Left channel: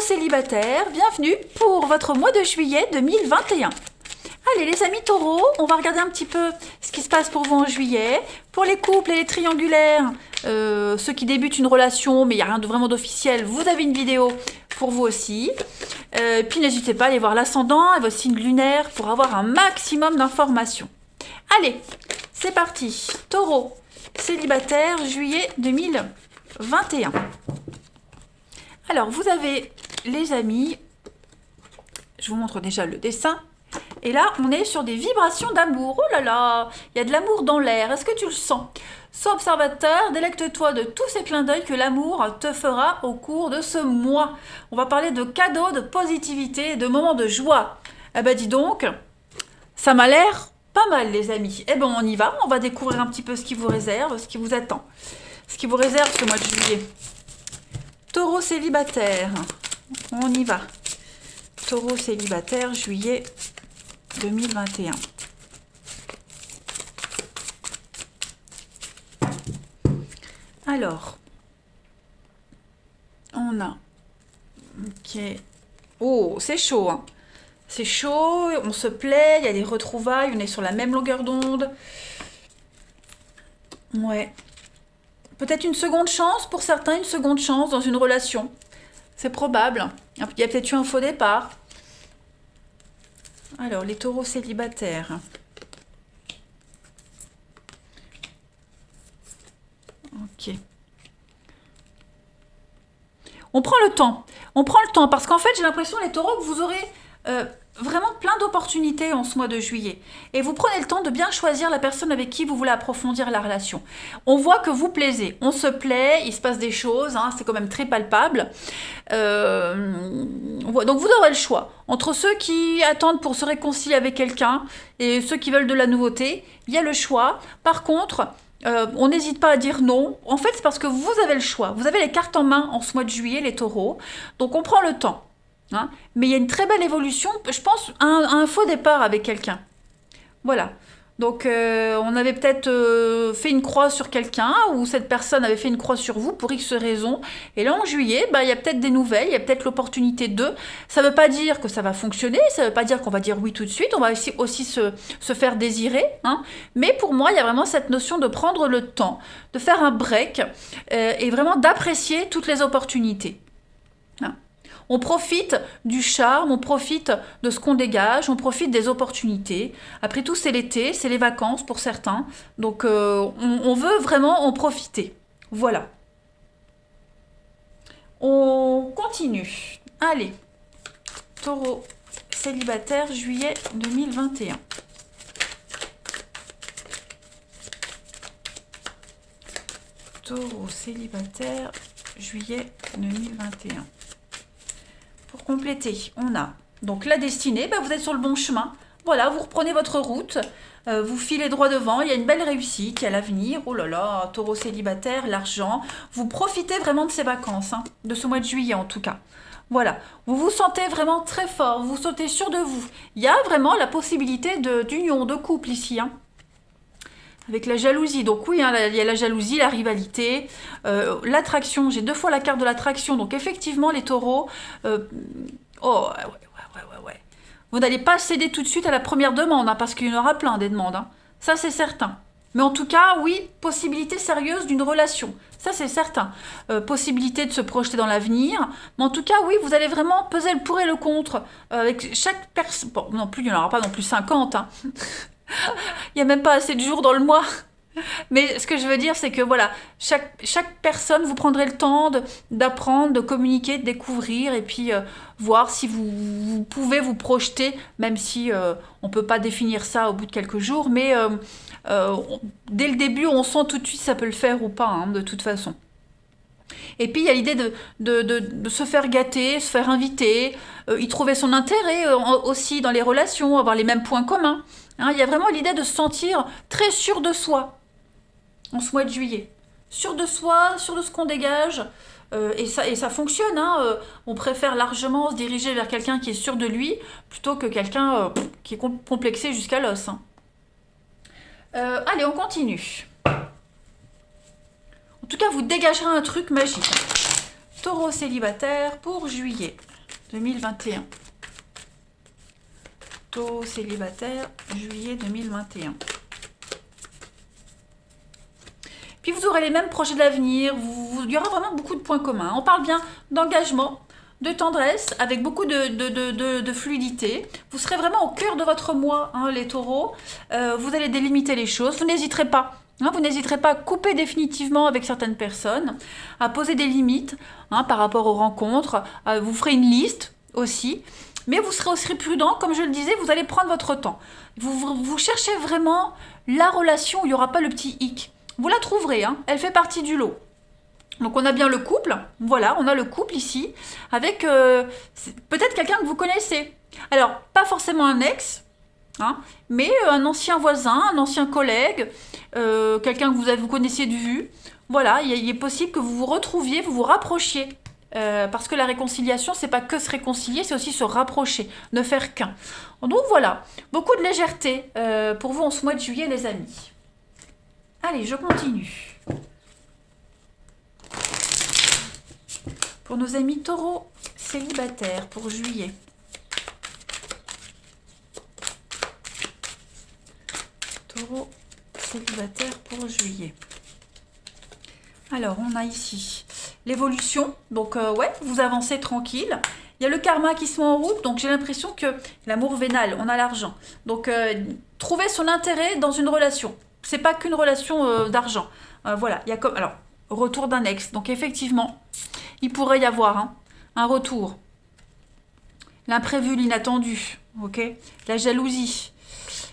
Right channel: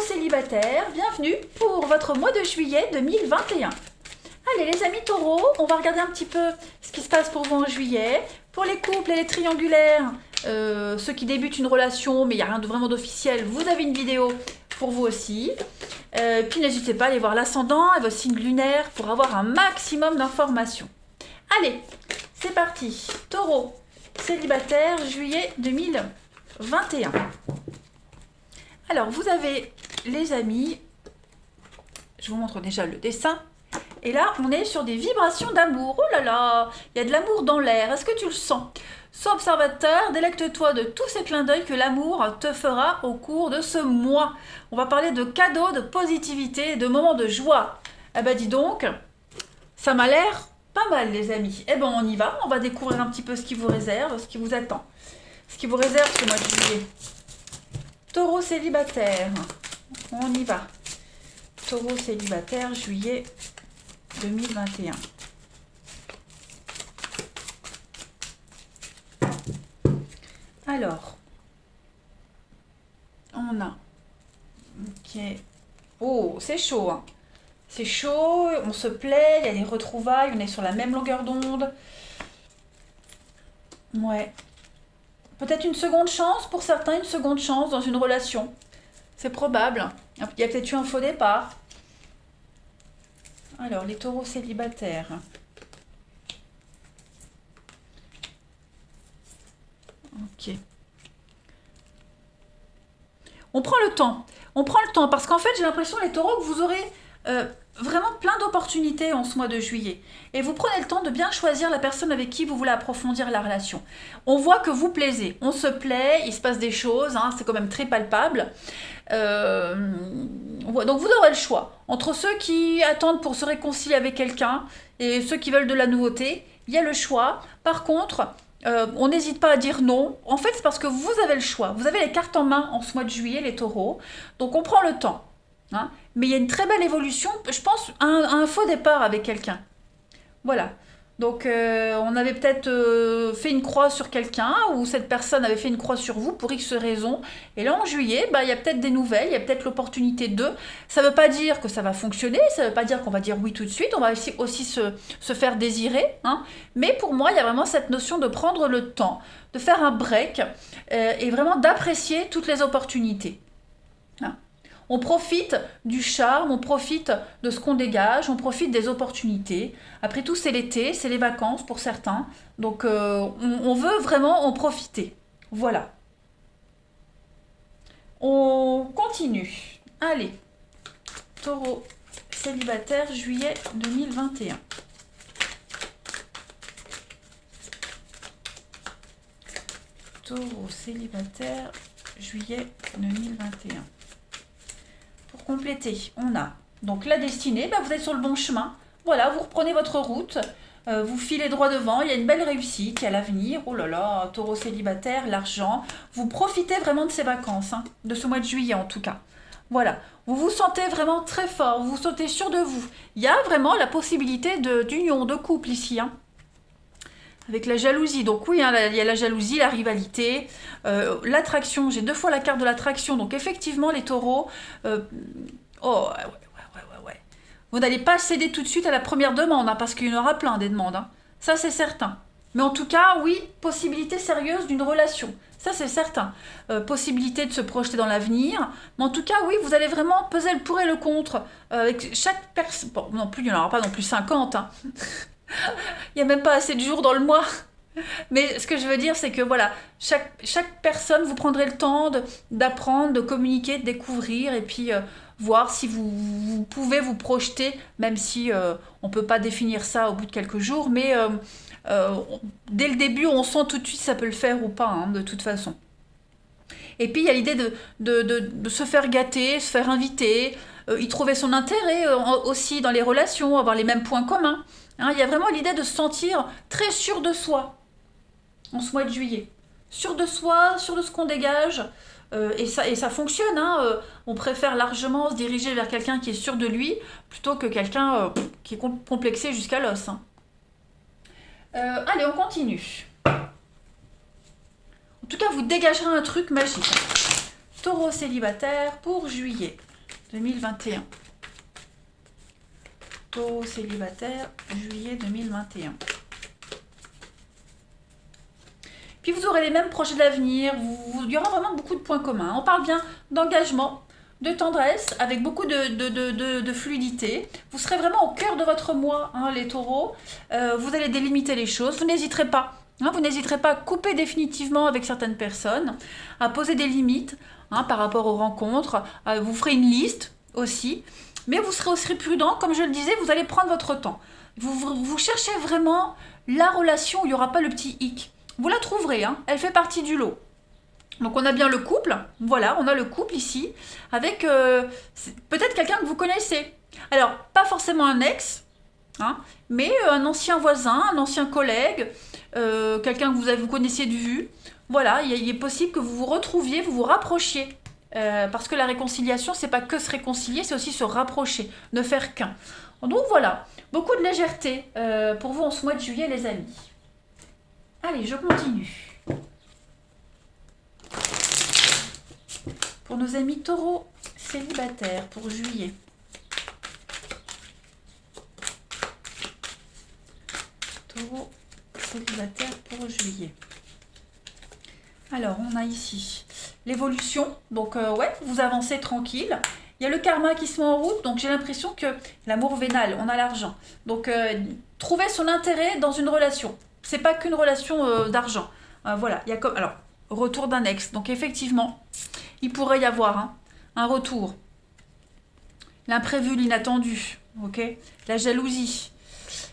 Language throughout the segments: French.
Taureau célibataire, bienvenue pour votre mois de juillet 2021. Allez les amis taureaux, on va regarder un petit peu ce qui se passe pour vous en juillet. Pour les couples et les triangulaires, ceux qui débutent une relation mais il n'y a rien de vraiment d'officiel, vous avez une vidéo pour vous aussi. Puis n'hésitez pas à aller voir l'ascendant et vos signes lunaires pour avoir un maximum d'informations. Allez, c'est parti. Taureau célibataire, juillet 2021. Alors, vous avez les amis, je vous montre déjà le dessin. Et là, on est sur des vibrations d'amour. Oh là là, il y a de l'amour dans l'air. Est-ce que tu le sens? Sois observateur, délecte-toi de tous ces clins d'œil que l'amour te fera au cours de ce mois. On va parler de cadeaux, de positivité, de moments de joie. Eh ben dis donc, ça m'a l'air pas mal les amis. Eh ben on y va, on va découvrir un petit peu ce qui vous réserve, ce qui vous attend. Ce qui vous réserve ce mois de juillet. Taureau célibataire, on y va. Taureau célibataire, juillet 2021. Alors, on a... Ok. Oh, c'est chaud, hein. C'est chaud, on se plaît, il y a les retrouvailles, on est sur la même longueur d'onde. Ouais. Peut-être une seconde chance pour certains, une seconde chance dans une relation. C'est probable. Il y a peut-être eu un faux départ. Alors, les taureaux célibataires. Ok. On prend le temps. On prend le temps parce qu'en fait, j'ai l'impression, les taureaux, que vous aurez vraiment plein d'opportunités en ce mois de juillet. Et vous prenez le temps de bien choisir la personne avec qui vous voulez approfondir la relation. On voit que vous plaisez. On se plaît, il se passe des choses, hein, c'est quand même très palpable. Donc vous aurez le choix. Entre ceux qui attendent pour se réconcilier avec quelqu'un et ceux qui veulent de la nouveauté, il y a le choix. Par contre... on n'hésite pas à dire non. En fait, c'est parce que vous avez le choix. Vous avez les cartes en main en ce mois de juillet, les taureaux. Donc, on prend le temps. Hein. Mais il y a une très belle évolution, je pense, à un faux départ avec quelqu'un. Voilà. Donc, on avait peut-être fait une croix sur quelqu'un ou cette personne avait fait une croix sur vous pour X raisons. Et là, en juillet, bah, il y a peut-être des nouvelles, il y a peut-être l'opportunité de. Ça ne veut pas dire que ça va fonctionner, ça ne veut pas dire qu'on va dire oui tout de suite. On va aussi se faire désirer. Hein. Mais pour moi, il y a vraiment cette notion de prendre le temps, de faire un break et vraiment d'apprécier toutes les opportunités. Hein. On profite du charme, on profite de ce qu'on dégage, on profite des opportunités. Après tout, c'est l'été, c'est les vacances pour certains. Donc, on veut vraiment en profiter. Voilà. On continue. Allez. Taureau célibataire, juillet 2021. Taureau célibataire, juillet 2021. Pour compléter, on a donc la destinée, bah vous êtes sur le bon chemin. Voilà, vous reprenez votre route, vous filez droit devant, il y a une belle réussite, il y a l'avenir. Oh là là, taureau célibataire, l'argent. Vous profitez vraiment de ces vacances, hein, de ce mois de juillet en tout cas. Voilà, vous vous sentez vraiment très fort, vous vous sentez sûr de vous. Il y a vraiment la possibilité d'union, de couple ici, hein. Avec la jalousie, donc oui, hein, il y a la jalousie, la rivalité, l'attraction, j'ai 2 fois la carte de l'attraction, donc effectivement les taureaux, oh ouais. Vous n'allez pas céder tout de suite à la première demande, hein, parce qu'il y en aura plein des demandes, hein. Ça c'est certain. Mais en tout cas, oui, possibilité sérieuse d'une relation, ça c'est certain. Possibilité de se projeter dans l'avenir, mais en tout cas, oui, vous allez vraiment peser le pour et le contre, avec chaque personne, bon, non plus, il n'y en aura pas non plus 50, hein. Il n'y a même pas assez de jours dans le mois. Mais ce que je veux dire, c'est que voilà, chaque personne, vous prendrez le temps d'apprendre, de communiquer, de découvrir et puis voir si vous pouvez vous projeter, même si on ne peut pas définir ça au bout de quelques jours. Mais dès le début, on sent tout de suite si ça peut le faire ou pas, hein, de toute façon. Et puis il y a l'idée de se faire gâter, se faire inviter, y trouver son intérêt aussi dans les relations, avoir les mêmes points communs. Hein, il y a vraiment l'idée de se sentir très sûr de soi en ce mois de juillet. Sûr de soi, sûr de ce qu'on dégage. Et ça fonctionne. Hein, on préfère largement se diriger vers quelqu'un qui est sûr de lui plutôt que quelqu'un qui est complexé jusqu'à l'os. Hein. Allez, on continue. En tout cas, vous dégagerez un truc magique. Taureau célibataire pour juillet. 2021. Taureau célibataire, juillet 2021. Puis vous aurez les mêmes projets d'avenir, il y aura vraiment beaucoup de points communs. On parle bien d'engagement, de tendresse, avec beaucoup de fluidité. Vous serez vraiment au cœur de votre moi, hein, les taureaux. Vous allez délimiter les choses, vous n'hésiterez pas. Hein, vous n'hésiterez pas à couper définitivement avec certaines personnes, à poser des limites hein, par rapport aux rencontres. Vous ferez une liste aussi. Mais vous serez aussi prudent, comme je le disais, vous allez prendre votre temps. Vous cherchez vraiment la relation où il n'y aura pas le petit hic. Vous la trouverez, hein, elle fait partie du lot. Donc on a bien le couple, voilà, on a le couple ici, avec peut-être quelqu'un que vous connaissez. Alors, pas forcément un ex, hein, mais un ancien voisin, un ancien collègue, quelqu'un que vous connaissiez de vue. Voilà, il est possible que vous vous retrouviez, vous vous rapprochiez. Parce que la réconciliation, c'est pas que se réconcilier, c'est aussi se rapprocher, ne faire qu'un. Donc voilà, beaucoup de légèreté pour vous en ce mois de juillet, les amis. Allez, je continue. Pour nos amis taureaux célibataires pour juillet. Taureau célibataire pour juillet. Alors, on a ici l'évolution. Donc, ouais, vous avancez tranquille. Il y a le karma qui se met en route. Donc, j'ai l'impression que l'amour vénal, on a l'argent. Donc, trouver son intérêt dans une relation. C'est pas qu'une relation d'argent. Voilà, il y a comme... Alors, retour d'un ex. Donc, effectivement, il pourrait y avoir hein, un retour. L'imprévu, l'inattendu. Ok. La jalousie.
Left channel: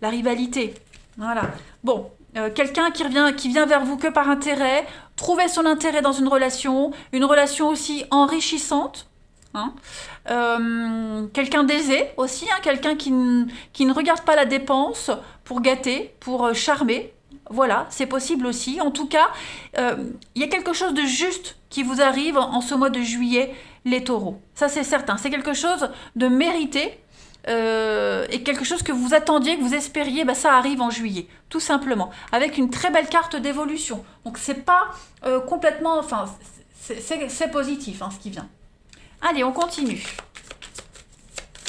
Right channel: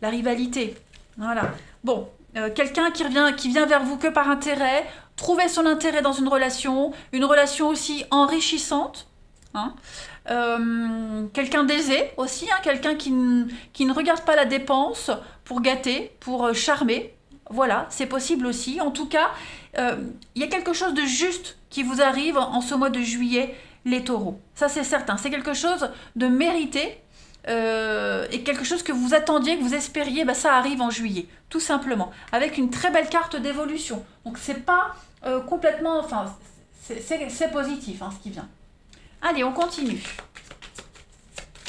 La rivalité. Voilà. Bon, quelqu'un qui vient vers vous que par intérêt. Trouver son intérêt dans une relation aussi enrichissante. Hein. Quelqu'un d'aisé aussi, hein, quelqu'un qui ne regarde pas la dépense pour gâter, pour charmer. Voilà, c'est possible aussi. En tout cas, il y a quelque chose de juste qui vous arrive en ce mois de juillet, les taureaux. Ça, c'est certain. C'est quelque chose de mérité et quelque chose que vous attendiez, que vous espériez, bah, ça arrive en juillet, tout simplement. Avec une très belle carte d'évolution. Donc, c'est pas complètement... Enfin, c'est positif, hein, ce qui vient. Allez, on continue.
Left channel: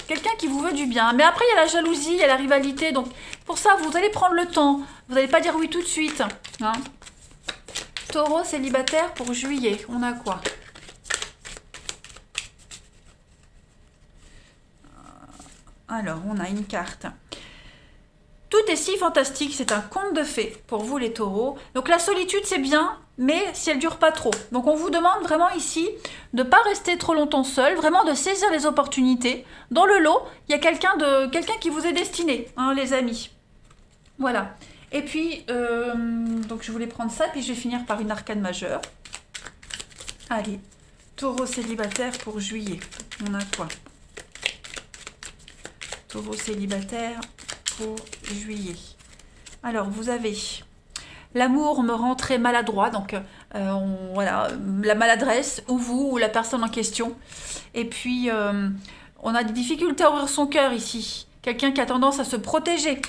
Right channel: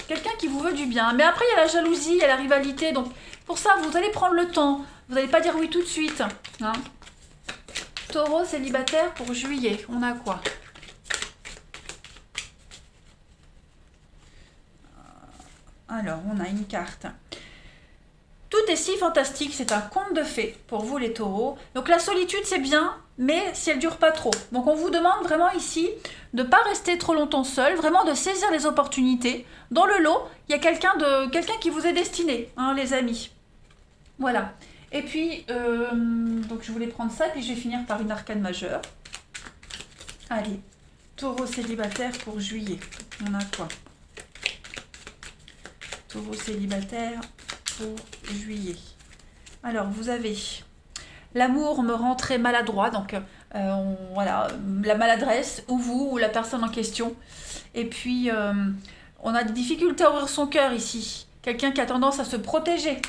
Quelqu'un qui vous veut du bien. Mais après, il y a la jalousie, il y a la rivalité. Donc, pour ça, vous allez prendre le temps. Vous n'allez pas dire oui tout de suite. Hein. Taureau célibataire pour juillet. On a quoi? Alors, on a une carte. Tout est si fantastique, c'est un conte de fées pour vous les taureaux. Donc la solitude c'est bien, mais si elle dure pas trop. Donc on vous demande vraiment ici de ne pas rester trop longtemps seul, vraiment de saisir les opportunités. Dans le lot, il y a quelqu'un qui vous est destiné, hein, les amis. Voilà. Et puis, donc je voulais prendre ça, puis je vais finir par une arcane majeure. Allez, taureau célibataire pour juillet. On a quoi? Taureau célibataire pour juillet. Alors, vous avez l'amour me rend très maladroit, donc voilà, la maladresse, ou vous, ou la personne en question. Et puis, on a des difficultés à ouvrir son cœur ici. Quelqu'un qui a tendance à se protéger.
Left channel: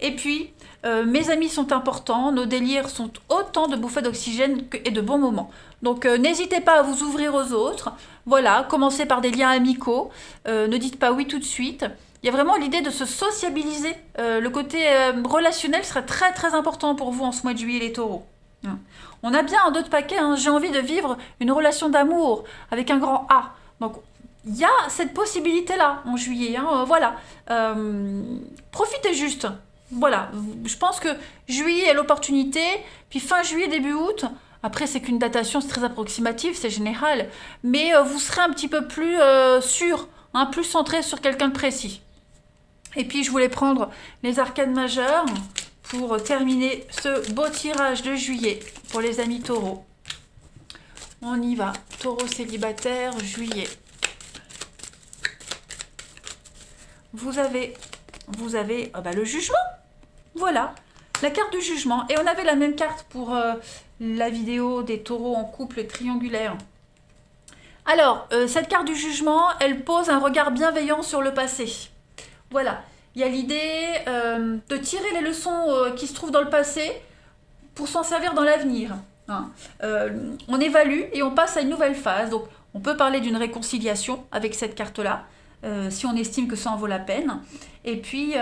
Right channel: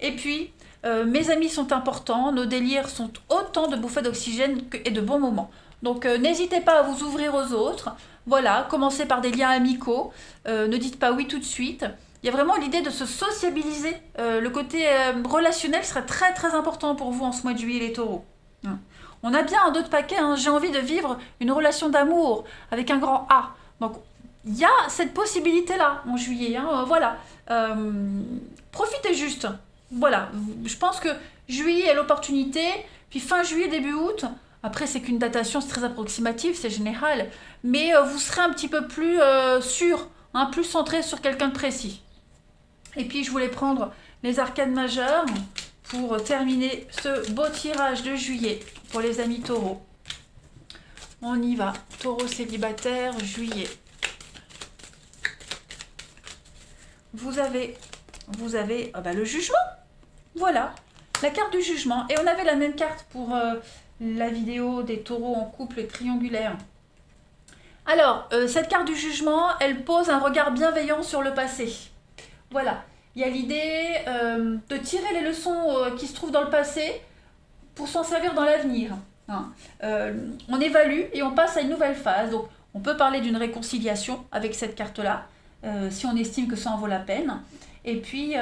Et puis, mes amis sont importants, nos délires sont autant de bouffées d'oxygène et de bons moments. Donc, n'hésitez pas à vous ouvrir aux autres. Voilà, commencez par des liens amicaux. Ne dites pas oui tout de suite. Il y a vraiment l'idée de se sociabiliser. Le côté relationnel serait très très important pour vous en ce mois de juillet, les taureaux. Hein. On a bien un d'autres paquets, hein, j'ai envie de vivre une relation d'amour avec un grand A. Donc, il y a cette possibilité-là en juillet. Hein, voilà. Profitez juste. Voilà. Je pense que juillet est l'opportunité. Puis fin juillet, début août. Après, c'est qu'une datation, c'est très approximatif, c'est général. Mais vous serez un petit peu plus sûr, hein, plus centré sur quelqu'un de précis. Et puis, je voulais prendre les arcanes majeures pour terminer ce beau tirage de juillet pour les amis taureaux. On y va. Taureau célibataire, juillet. Vous avez le jugement. Voilà, la carte du jugement. Et on avait la même carte pour la vidéo des taureaux en couple triangulaire. Alors, cette carte du jugement, elle pose un regard bienveillant sur le passé. Voilà, il y a l'idée de tirer les leçons qui se trouvent dans le passé pour s'en servir dans l'avenir. Hein. On évalue et on passe à une nouvelle phase. Donc, On peut parler d'une réconciliation avec cette carte-là, si on estime que ça en vaut la peine. Et puis,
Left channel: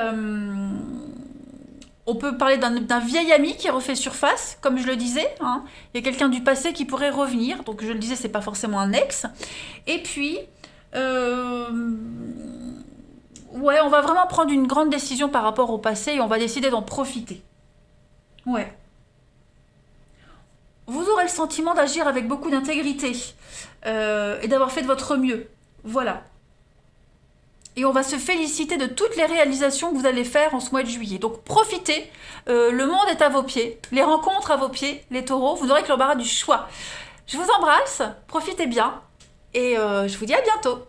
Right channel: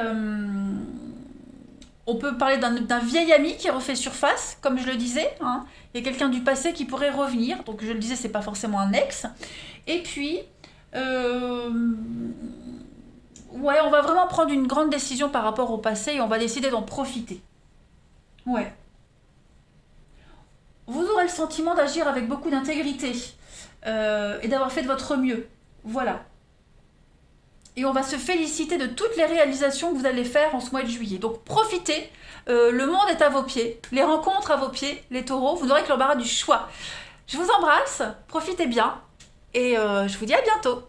on peut parler d'un vieil ami qui refait surface, comme je le disais. Hein. Il y a quelqu'un du passé qui pourrait revenir. Donc, je le disais, c'est pas forcément un ex. Et puis, ouais, on va vraiment prendre une grande décision par rapport au passé et on va décider d'en profiter. Ouais. Vous aurez le sentiment d'agir avec beaucoup d'intégrité et d'avoir fait de votre mieux. Voilà. Et on va se féliciter de toutes les réalisations que vous allez faire en ce mois de juillet. Donc profitez, le monde est à vos pieds, les rencontres à vos pieds, les taureaux, vous n'aurez que l'embarras du choix. Je vous embrasse, profitez bien et je vous dis à bientôt.